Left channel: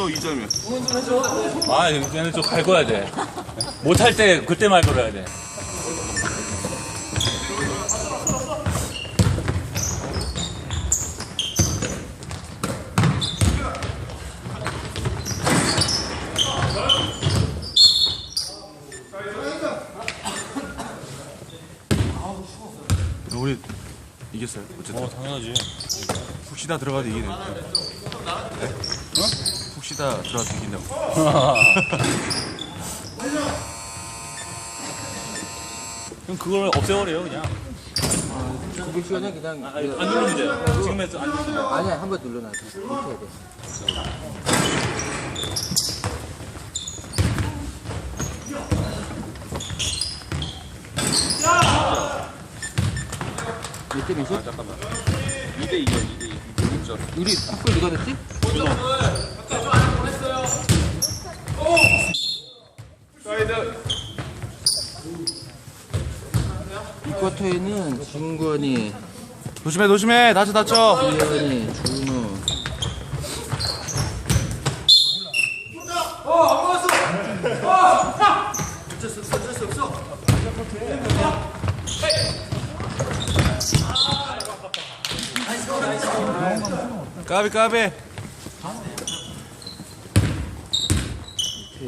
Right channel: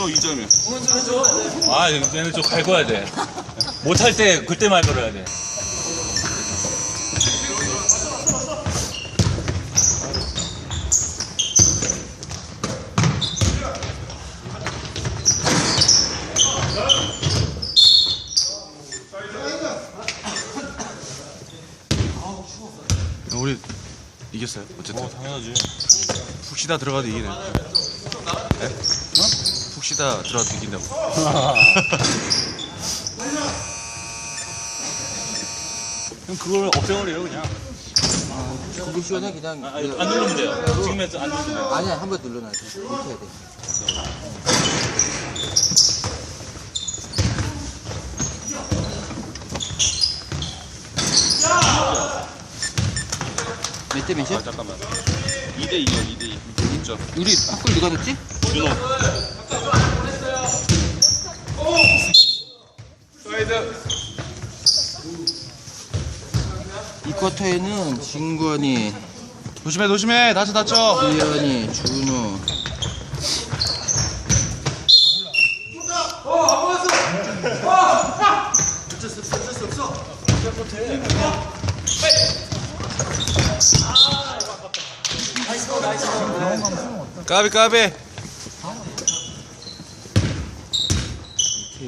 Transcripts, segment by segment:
준호 2점이야. 아, 얘는 좀 갈궈야 돼. 못할 때, 그때 말 걸어야 돼. 우리 이겼어요. 어쨌든 어, 당연하지. 푹 쉬다 들어가도 이기네. 네? 푹 쉬다 들어가도 이긴다고. 그럼 그걸 없애버려요, 그냥. 그거 시원해 그냥 아, 안 누르면 돼요. 지금 해서 안 누르면 돼요. 아니야 한 번 눌러놔야 돼 해야 돼몇대 몇이야? 잠깐만. 2대 2야, 2대 2. 6점. 우리 바꾸에 누가 넣었지? 준호. 이 쿼터에는 진권이, 조심해 조심해 다쳐 다쳐. 이현이, 준우 까비 까비. 이렇게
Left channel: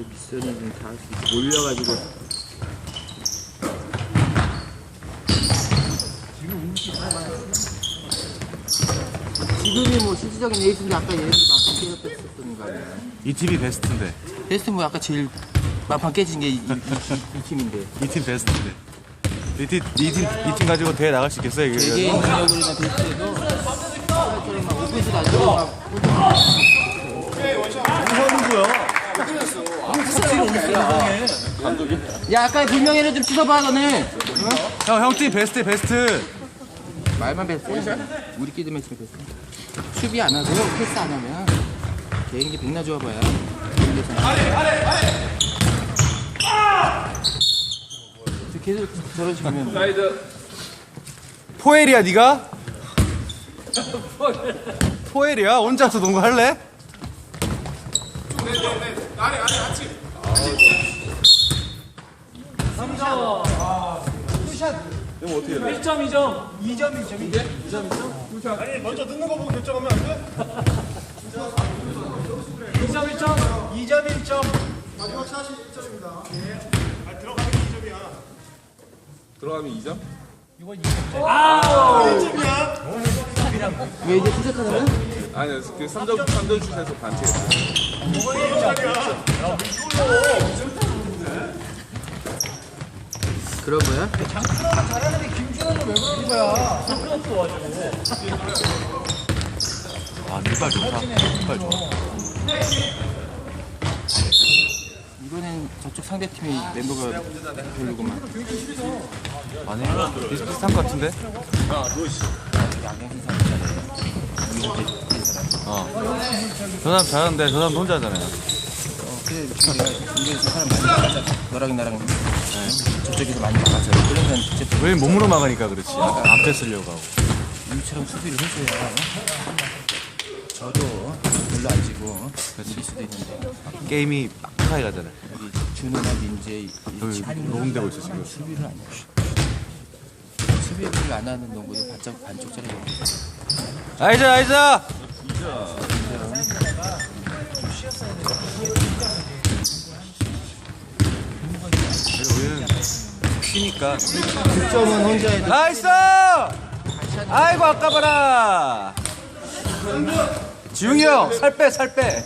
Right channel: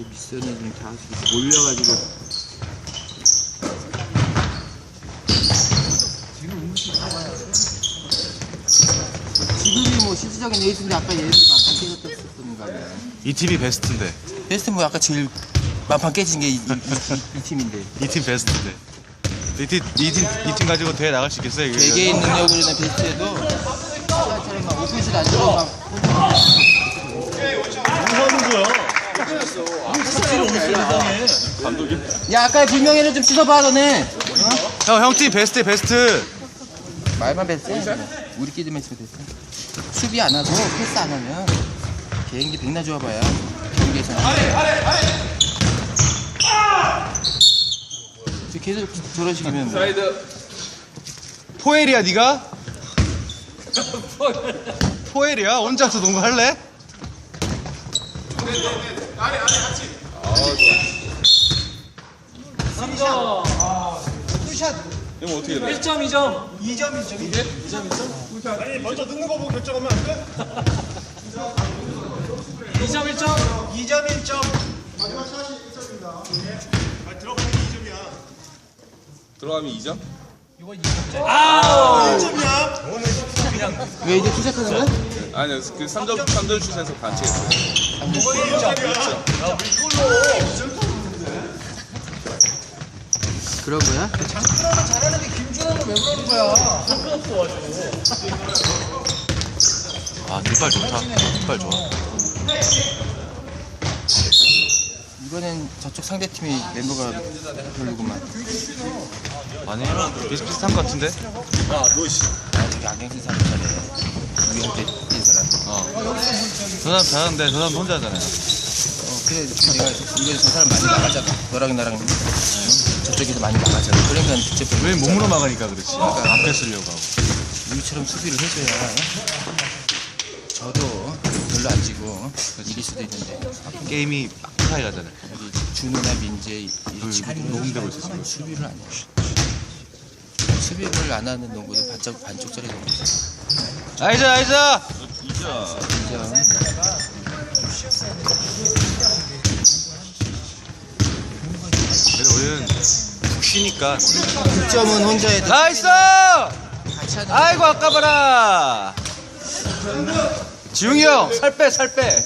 미션이 좀다 몰려가지고 지금이 뭐 실질적인 에이스인데 아까 얘네들이 막판 깨졌었던 거 아니야 이 팀이 베스트인데. 베스트 뭐 아까 제일 막판 깨진 게 이 팀인데 이 팀 베스트인데. 이팀이팀이 팀 가지고 대회 나갈 수 있겠어요? 이거? 개개인 능력으로는 막 오펜스도 안 되고 막야 아까 불명예를 좀 씻어봐 너네 형형 팀 베스트 베스트. 말만 베스트야 우리끼리만 있으면 됐어. 수비 안 하고 패스 안 하면 개인기 백나 좋아봐야. 경기에서. 저 계속 저런 식이면. 사이드. 포엘이야 네가? 포엘이야? 혼자서 농구할래? 이 거 어떻게 돼? 1점, 2점. 먼저 듣는 거 보고 결정하면 안 돼? 2점, 1점. 2점 1점 마지막 샷이 1점입니다 아, 들어가는 게 2점이야 들어가면 2점? 왜 이제 시작하는 거야? 아니, 그 3점, 3점 슛에서 반칙했어. 그런 거야? 아 뒷발 좋다. 뒷발 좋아. 이번엔 저쪽 상대팀이 멤버가 별로구만 아니에요. 비슷비슷한 것 같은데? 사람 어. 저 사람 잘하는데 저 사람 혼자 하잖아요. 어, 그래 내가 굉장히 저 사람 많이 나가잖아 너랑 나랑 어, 저쪽에서 많이 나가잖아 그러면 직접 왜 몸으로 막으니까 그렇지. 앞에 쓰려고 하고. 우리처럼 수비를 해줘야 어? 저도 별로 안 지고 어? 이길 수도 있는데 게임이 빡하게 가잖아요. 우리 준호나 민재 이 녹음되고 있어 지금. 수비를 안 해. 수비를 안 하는 농구도 반쪽 반쪽 짜리 정도. 나이스 나이스! 그래서 우리는 푹 쉬니까. 득점은 혼자 해도 나이스! 아이고 아까 봐라. 지웅이 형 살 빼 살 빼.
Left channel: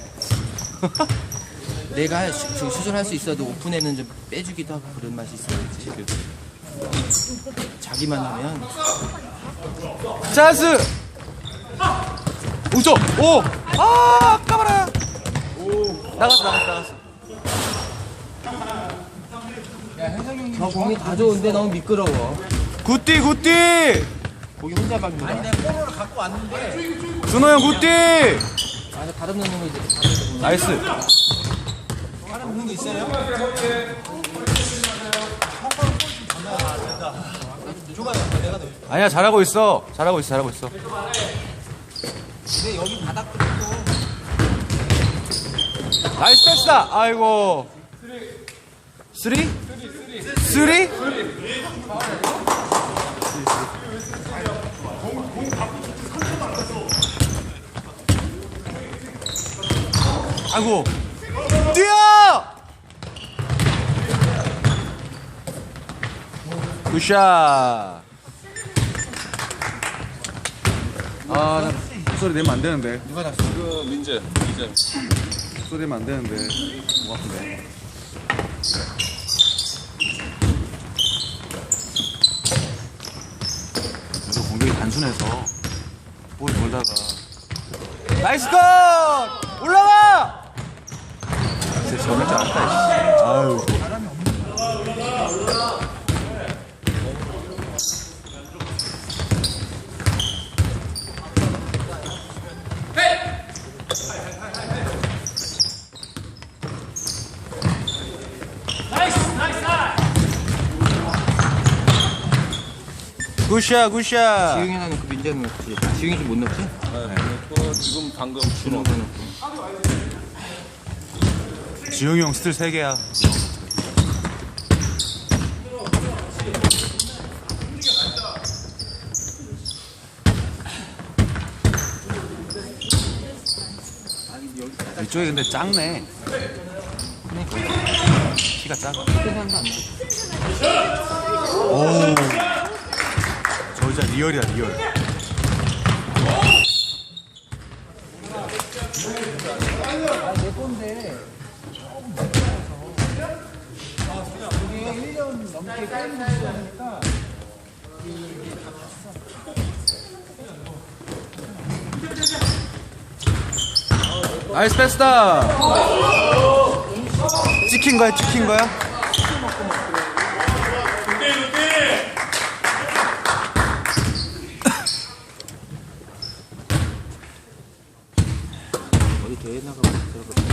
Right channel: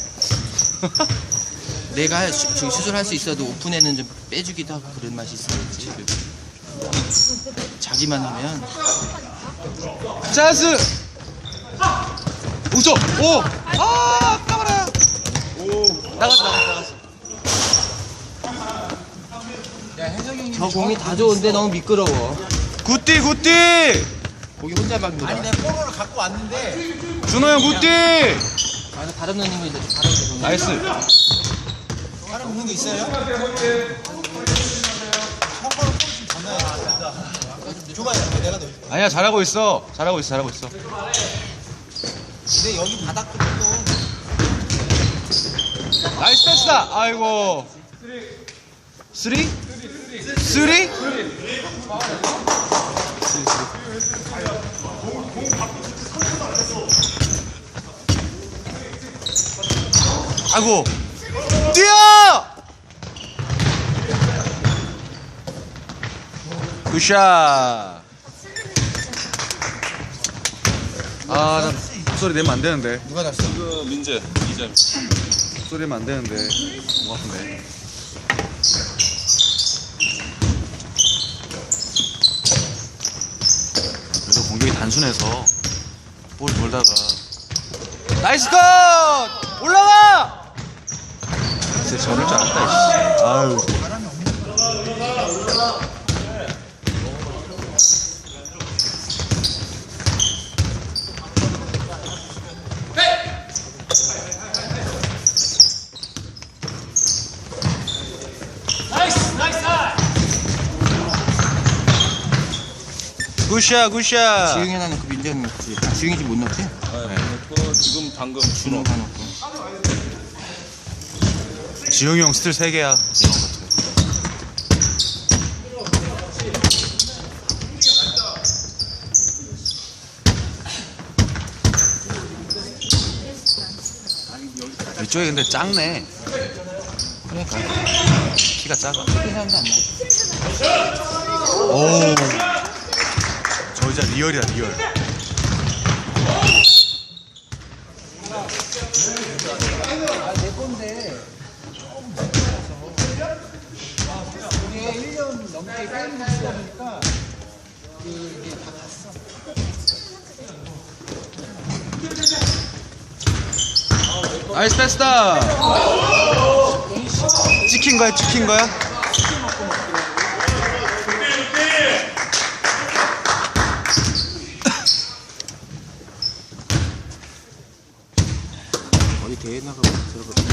내가 수- 지금 수술할 수 있어도 오픈에는 좀 빼주기도 하고 그런 맛이 있어야지. 자기만 하면. 찬스! 5점 오! 아 아까 봐라. 나갔어 나갔어 나갔어 저 공이 다 좋은데 너무 미끄러워. 굿띠 굿띠 거기 혼자 막는 거야. 준호 형 굿띠 아, 바람 넣는 거 이제 바람 넣는 거. 나이스 아니야 잘하고 있어 잘하고 있어 잘하고 있어 나이스 패스다. 아이고. 쓰리? 쓰리? 아이고. 뛰어! 굿샷. 아, 나 목소리 내면 안 되는데. 누가 났어? 그 민재 2점. 목소리 내면 안 되는데. 목 아픈데. 그래도 공격이 단순해서 볼 돌다가 나이스 컷! 올라가! 진짜 저럴 줄 알았다, 이씨. 아유. 굿샷, 굿샷. 지영이 나는 그 민재는 넣지. 지영이 지금 못 넣지? 네. 그 지금 방금 준호. 지영이 형 스틸 3개야. 이쪽에 근데 작네. 그 리얼이다, 리얼. 나이스 패스다. 찍힌 거야, 찍힌 거야? 어디 대회 나가고 저러고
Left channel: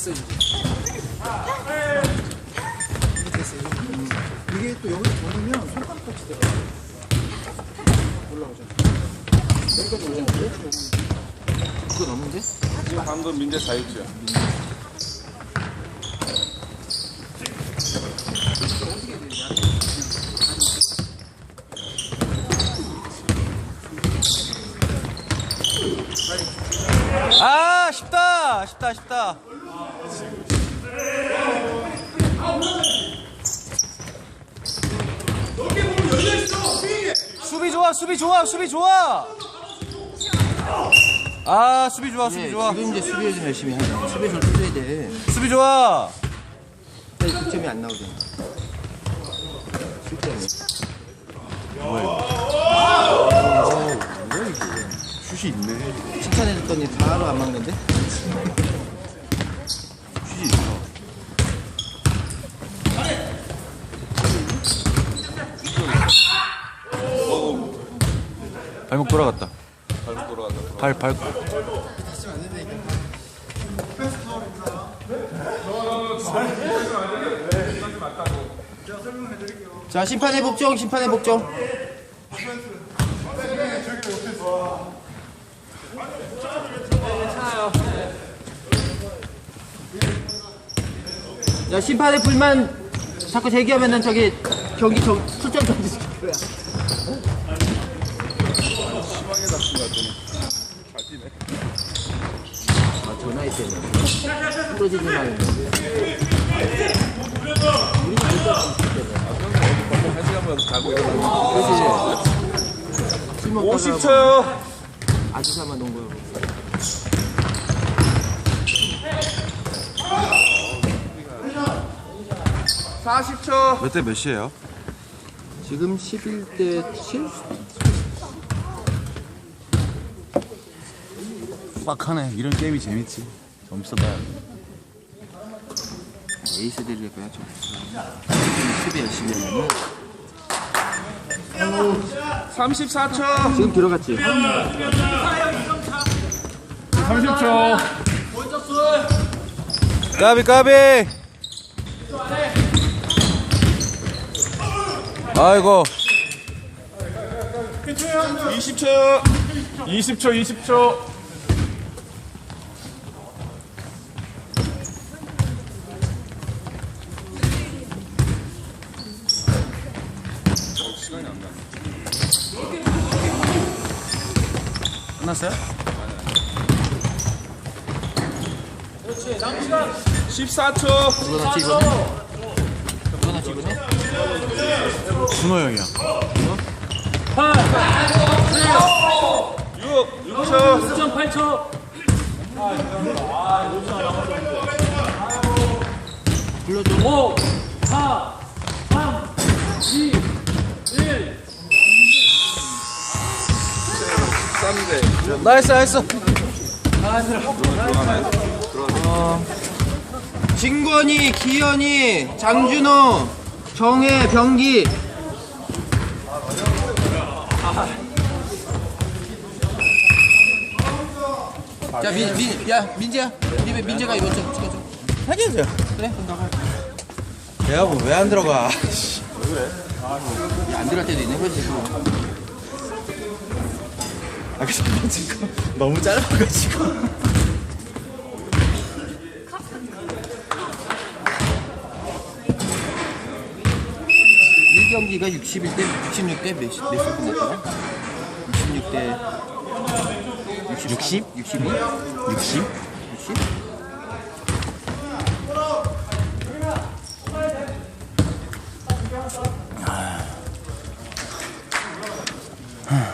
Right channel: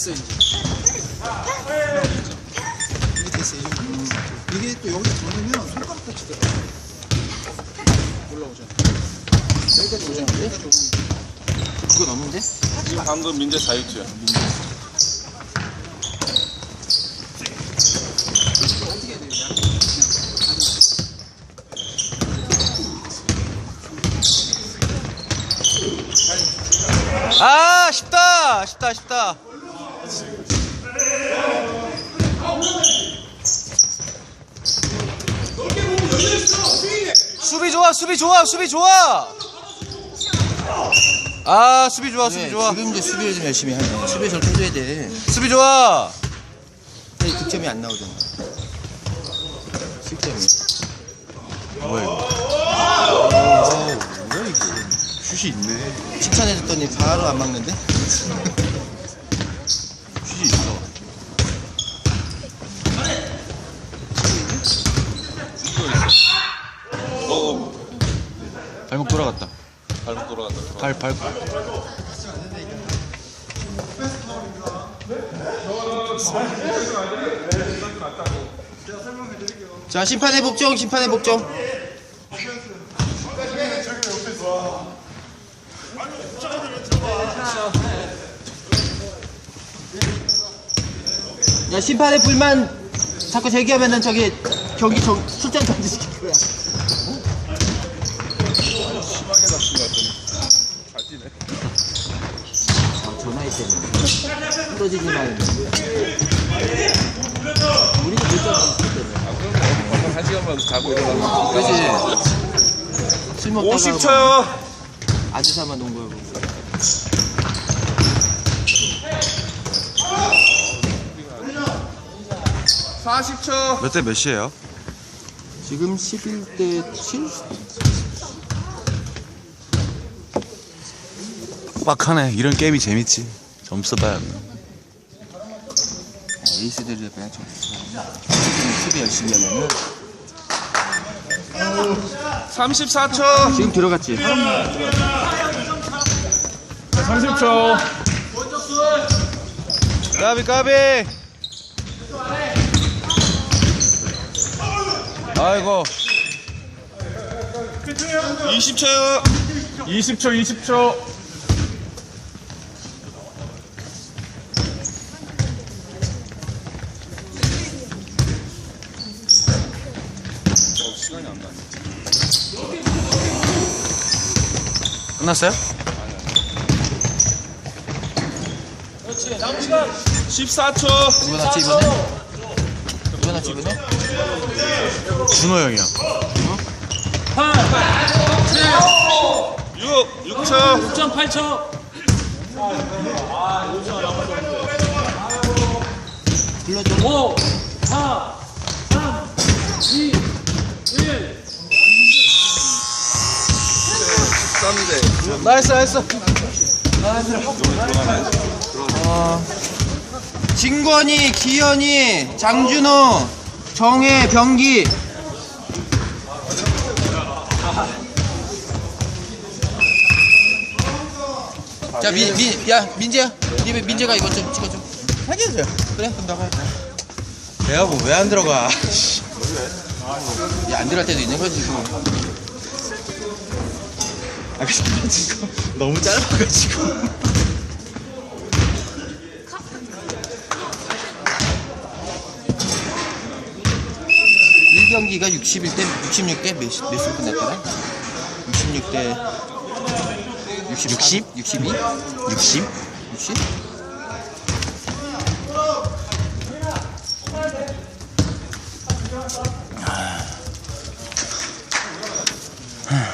됐어 이제 이게 됐어 이제 음. 이게 또 여기서 보내면 손가락 같이 들어 올라오죠 여기까지 오잖아요 그거 넘는데? 지금 방금 민재 자유투야. 아 쉽다 쉽다 쉽다. 수비 좋아 수비 좋아 수비 좋아. 아 수비 좋아 수비 네, 좋아. 지금 이제 수비를 좀 열심히 하네 수비에서 해줘야 돼. 수비 좋아. 근데 득점이 안 나오잖아. 실점이. 뭐야 이거 슛이 있네 칭찬해줬더니 바로 안 막는데? 슛이 있어 어, 발목 돌아갔다 발목 돌아갔다. 발 발. 자 심판의 복종 심판의 복종 야 심판의 불만 자꾸 제기하면은 저기 경기 정, 출전 정지시킬 거야 아, 저 나이 때문에 떨어지지 말고 우리가 못 잡아 한 시간만 자고 일어나면. 그지 술 먹다가 50초요. 아주사만 놓은 거고 40초. 몇 대 몇이에요? 지금 11대 7? 빡하네 이런 게임이 재밌지 점수 봐야 에이스들이 그냥 좀 수비 열심히 하면은 34초. 지금 들어갔지? 30초. 까비 까비 아이고 20초. 20초 20초 끝났어요? 14초 누가 났지 이번에? 났지 이번에? 준호 형이야 6 6초 9.8초. 불러줘 5, 4, 3, 2, 1. 나이스 나이스 진권이, 기현이, 장준호, 정혜, 병기. 자, 민, 민, 야, 민재야. 니 민재가 이거 좀 찍어줘. 하겠어요 그래, 그럼 나가. 내가 뭐 왜 안 들어가 야, 안 들어갈 때도 있는 거지, 지금. 아 근데 지금 너무 짧아가지고 1경기가 61대, 66대 몇, 시- 몇승 끝났더라? 66대 60? 62? 60? 60?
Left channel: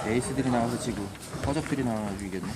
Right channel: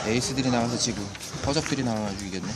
에이스들이 나와서 지고 허접들이 나와가지고 이겼네